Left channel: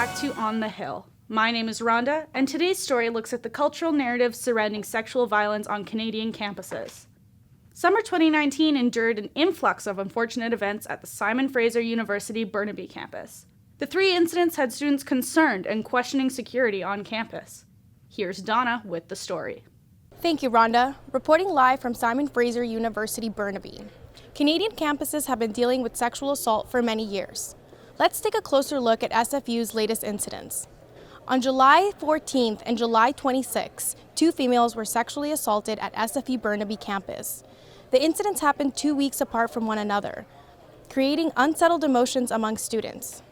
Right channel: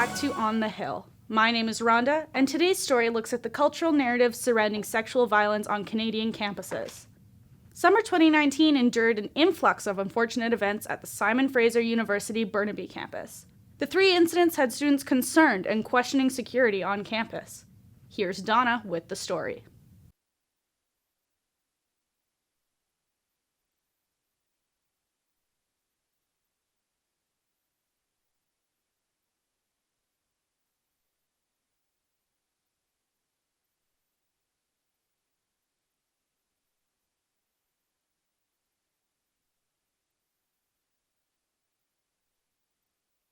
back to On the Hill. My name is Rhonda, and today's story looks at the cultural narrative surrounding sexual violence on Canadian campuses. Summer 2019 endured an influx of unfortunate events at the Simon Fraser University Burnaby campus. The 3 incidents had students concerned and questioning security on campus. Here's Donna with the story. Thank you, Rhonda. Reporting live from Simon Fraser University Burnaby. Canadian campuses have been dealing with sexual assault for many years. Let's take a closer look at SFU's latest incidents. On July 14th and July 26th, 2 females were sexually assaulted at SFU Burnaby campus. The incidents happened 2 weeks apart from one another, creating unsettled emotions among students.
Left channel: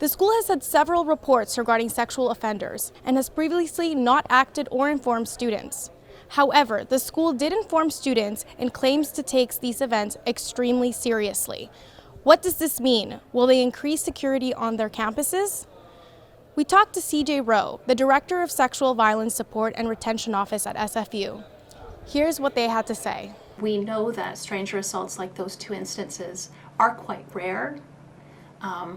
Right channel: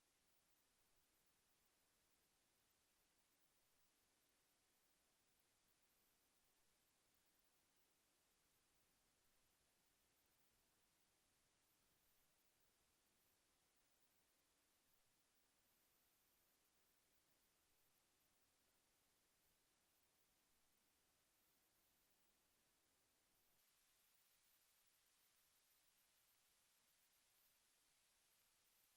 The school has had several reports regarding sexual offenders and has previously not acted or informed students. However, the school did inform students and claims to take these events extremely seriously. What does this mean? Will they increase security on their campuses? We talked to CJ Rowe, the Director of Sexual Violence Support and Retention Office at SFU. Here's what they had to say. We know that stranger assaults like those 2 instances are quite rare.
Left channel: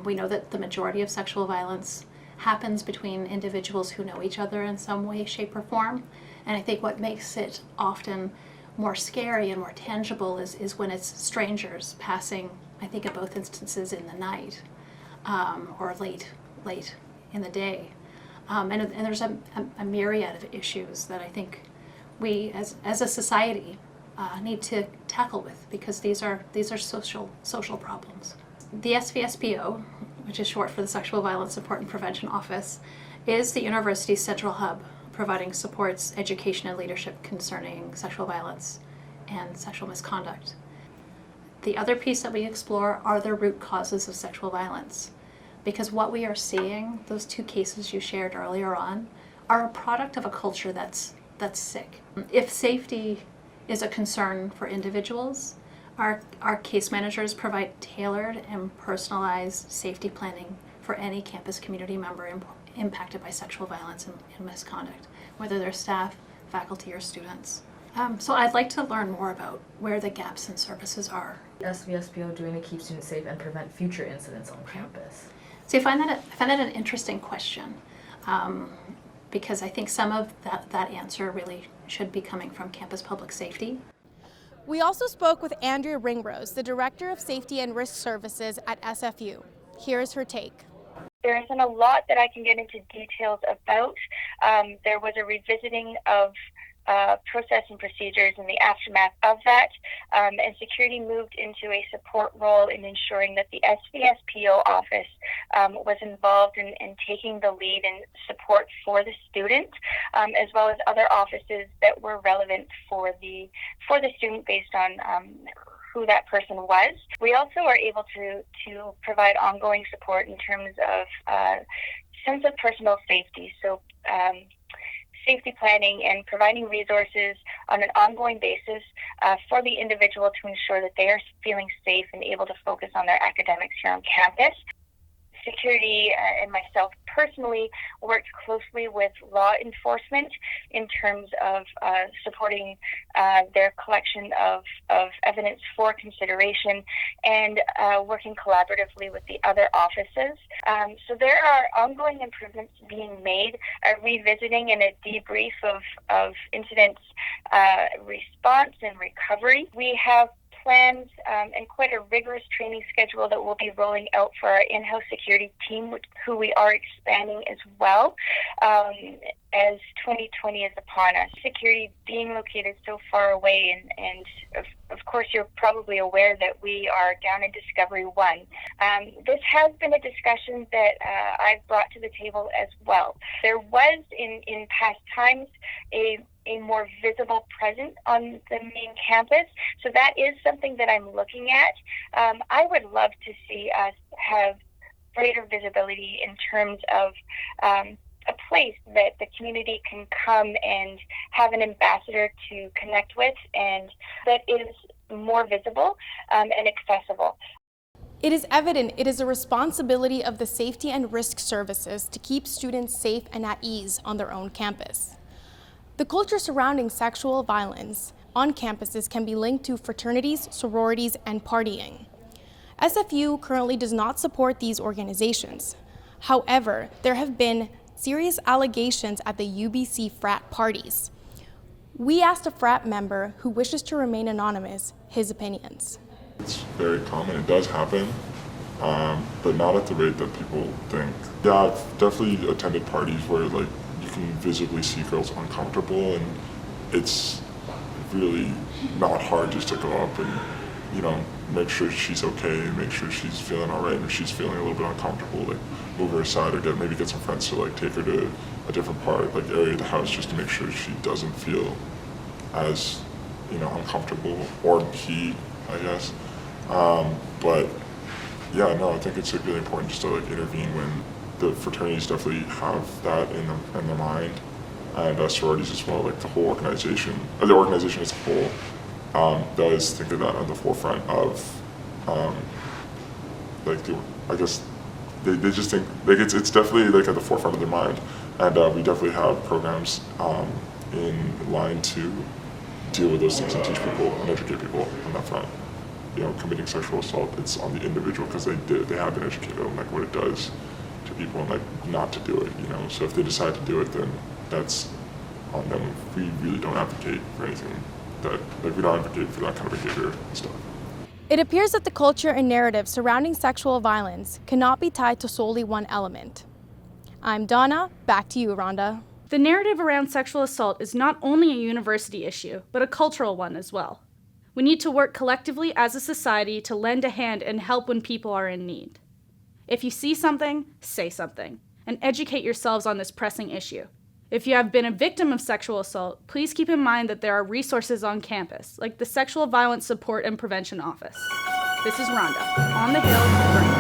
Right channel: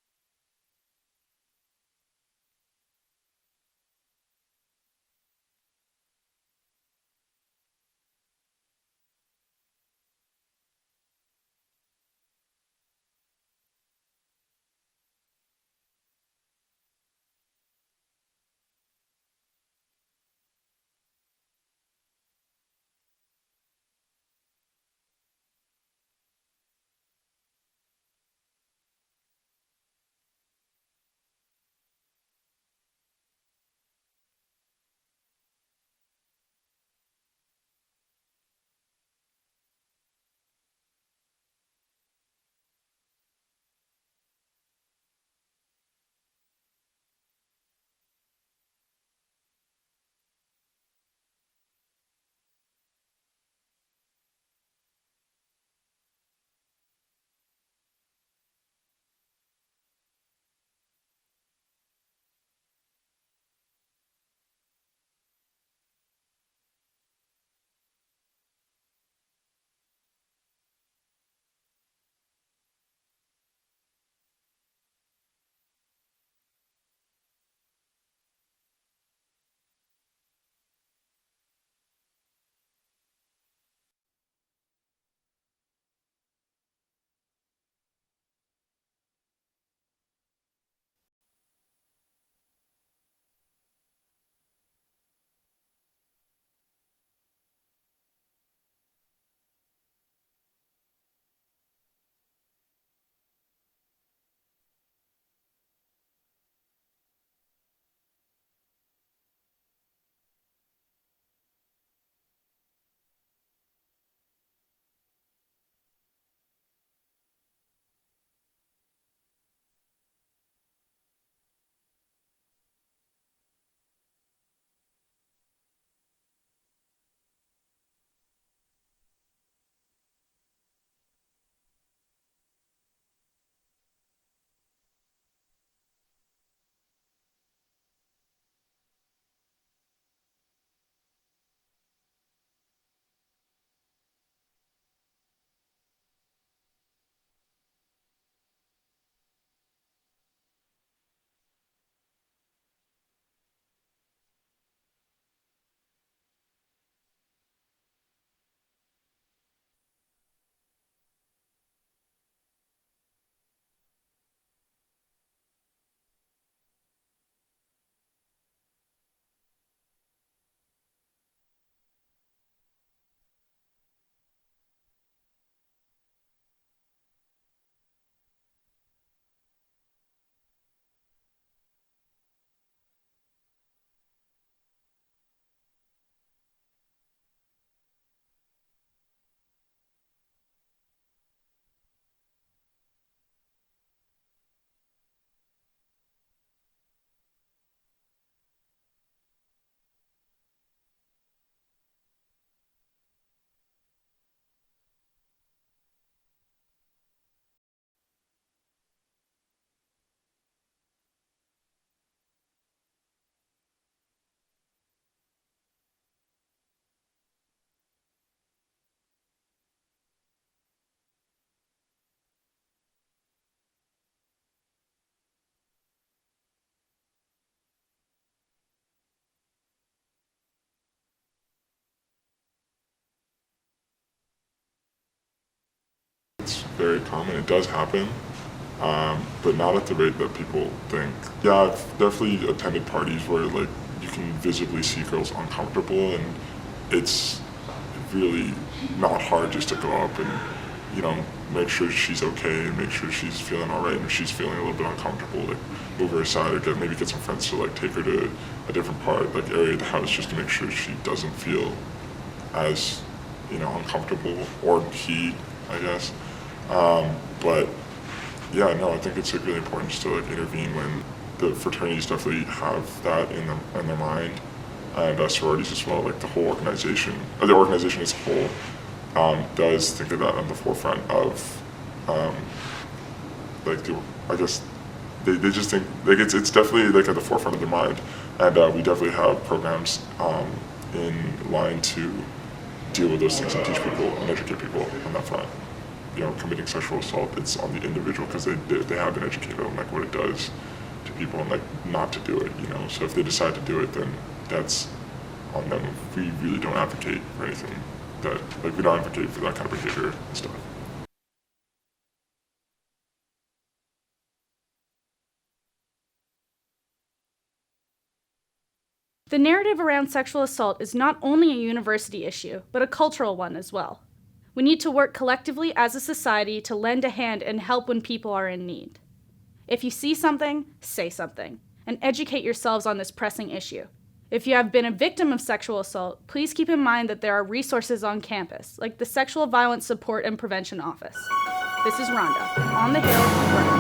We know that the majority of sexual violence happens between individuals who know each other in some way, shape, or form. And I think what makes it often more scary and more tangible is when it's strangers passing, I think in both instances in the night or late in the day. And there's a myriad of issues that I think we as a society need to tackle with, because these are social problems. The SVSPO, which is short for the Sexual Violence Support and Prevention Office, is the university's central hub, providing supports, education, and leadership concerning sexual violence and sexual misconduct. The other piece that we explore are the root causes of sexual violence, because what we are seeing, those 2 cases you shared earlier on, are a product of a culture that's sick. If safety is a concern for individuals, our case managers provide tailored and personalized safety planning for any campus community member impacted by sexual violence and misconduct, whether they're staff, faculty, or students. So I'd like to learn more about where the gaps in services are. SVSPO doing to keep students safe and prevent future incidents on campus? So I find that an interesting question, because I think some of that answer really should be coming from campus public safety. We also spoke with Andrea Ringrose, the Director of Safety and Risk Services at SFU. Here's her take. There isn't a lot that I can get into details about. There was a revisiting of process and procedures in the aftermath of that, and security moved into a support role in ensuring that the SVSPO office was involved in taking the lead and support for the student, as well as other offices that were relevant for the student based on who that person was. We also are able to provide ongoing support in terms of sense of personal safety. So safety planning and providing resources on an ongoing basis for the individual to ensure that they are feeling safe and able to focus on their academics here on campus. Security and myself personally worked closely with law enforcement in terms of supporting their collection of evidence for consideration and working collaboratively with the other offices. So there are ongoing improvements being made, a revisiting and a debrief of incidents response and recovery. We have plans and quite a rigorous training schedule that we'll be rolling out for our in-house security team, who we are expanding as well as 2020 is upon us. Security being located so far away, and of course you're probably aware that we are down in Discovery 1. This has been a discussion that I've brought to the table as well. There was in past times a more visible presence on the main campus. So that is something that I'm looking at. I would love to see us have greater visibility in terms of a place that the community can come and have an ambassador to connect with, and that is more visible and accessible. It is evident it is a responsibility of the Safety and Risk Services to keep students safe and at ease on their own campus. The culture surrounding sexual violence on campuses can be linked to fraternities, sororities, and partying. SFU currently does not support these organizations. However, there have been serious allegations at the UBC frat parties. We asked a frat member who wishes to remain anonymous his opinions. It's very common, it does happen, but not at the rate that people think. Yeah, I've definitely attended parties where like you can visibly see girls uncomfortable, and it's really not hard just to go up and, you know, make sure she's okay, make sure she's feeling all right, and if she's feeling a little bit uncomfortable, like move her aside or maybe get some friends to like take her to a different part, like area of the house, just to make sure she doesn't feel as, you know, uncomfortable, or he, I guess. But yeah, no, I think it's like really important just to like intervene when the fraternities definitely have that in their mind, and sororities as well. Like the whole organization, the organization as a whole, does think of that at the forefront of, I guess they just think like it's definitely like at the forefront of their mind, and we definitely have programs in line to deal with those things and teach people and educate people on that front. You know, committing sexual assault, it's on the individual because they haven't educated them like what it does to people and like not to do it, you know. So if they decide to do it, then that's on them. We really don't advocate for anything that, like we don't advocate for that kind of behavior and stuff. It appears that the culture and narrative surrounding sexual violence cannot be tied to solely one element. I'm Donna, back to you, Rhonda. The narrative around sexual assault is not only a university issue, but a cultural one as well. We need to work collectively as a society to lend a hand and help when people are in need. If you see something, say something, and educate yourselves on this pressing issue. If you have been a victim of sexual assault, please keep in mind that there are resources on campus, like the Sexual Violence Support and Prevention Office. This is Rhonda, on the Hill, Burnaby.